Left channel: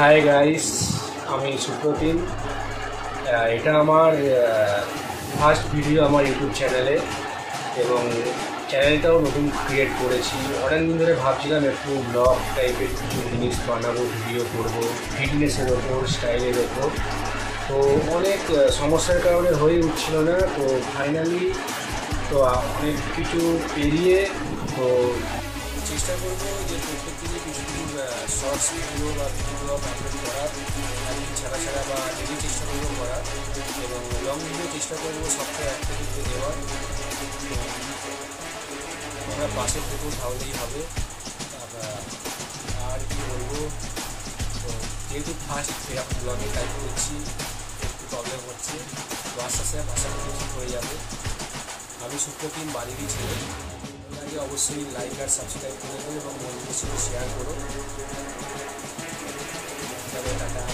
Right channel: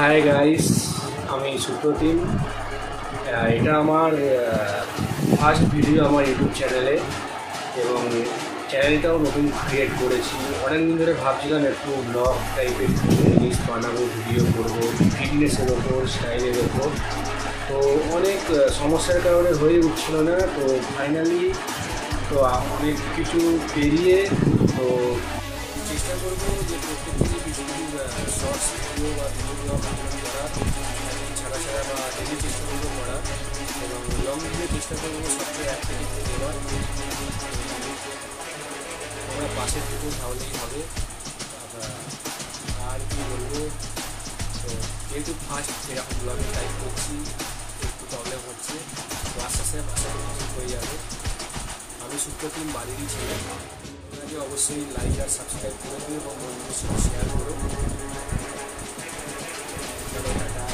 Hi guys, আমি সুপ্রতিম। এটা আমার ফার্স্ট ভিডিও আমার ইউটিউব চ্যানেলে, এবং চ্যানেলটাও নতুন ক্রিয়েট করেছি। অনেক দিন ধরে ভাবছিলাম একটু ব্লগ টাইপের কিছু জিনিস বানাবো, ভিডিও করবো ফিটনেসের ওপর, স্টাইলের ওপর। তো অনেক সমস্যার কারণে হয়ে উঠছিল না। তো ফাইনালি তো অনেক কিছু পেরিয়ে তো চেষ্টা করবো যে প্রত্যেক দিনই কিছু কিছু শর্টস ভিডিও বা ব্লগ আপলোড করার, একদিন ছাড়া ছাড়া বা ডেলি চেষ্টা করবো করার, এবং লং ভিডিও চেষ্টা করবো সপ্তাহে একটা ভিডিও দেওয়ার। তোমরা পাশে থেকো, তাহলেই হবে। আর কি বলবো, তো যেহেতু ফার্স্ট এরকম ব্লগে টাইপ করছি, একটু প্রবলেম হচ্ছে, তো আস্তে আস্তে ভাষা করি ঠিক হয়ে যাবে। আমি সুপ্রতিম, বাড়িরই ছেলে। আগে অবশ্যই লাইক আর সাবস্ক্রাইব করে দেবো এবং বন্ধুদের সাথে শেয়ার করো। তবে টাটা।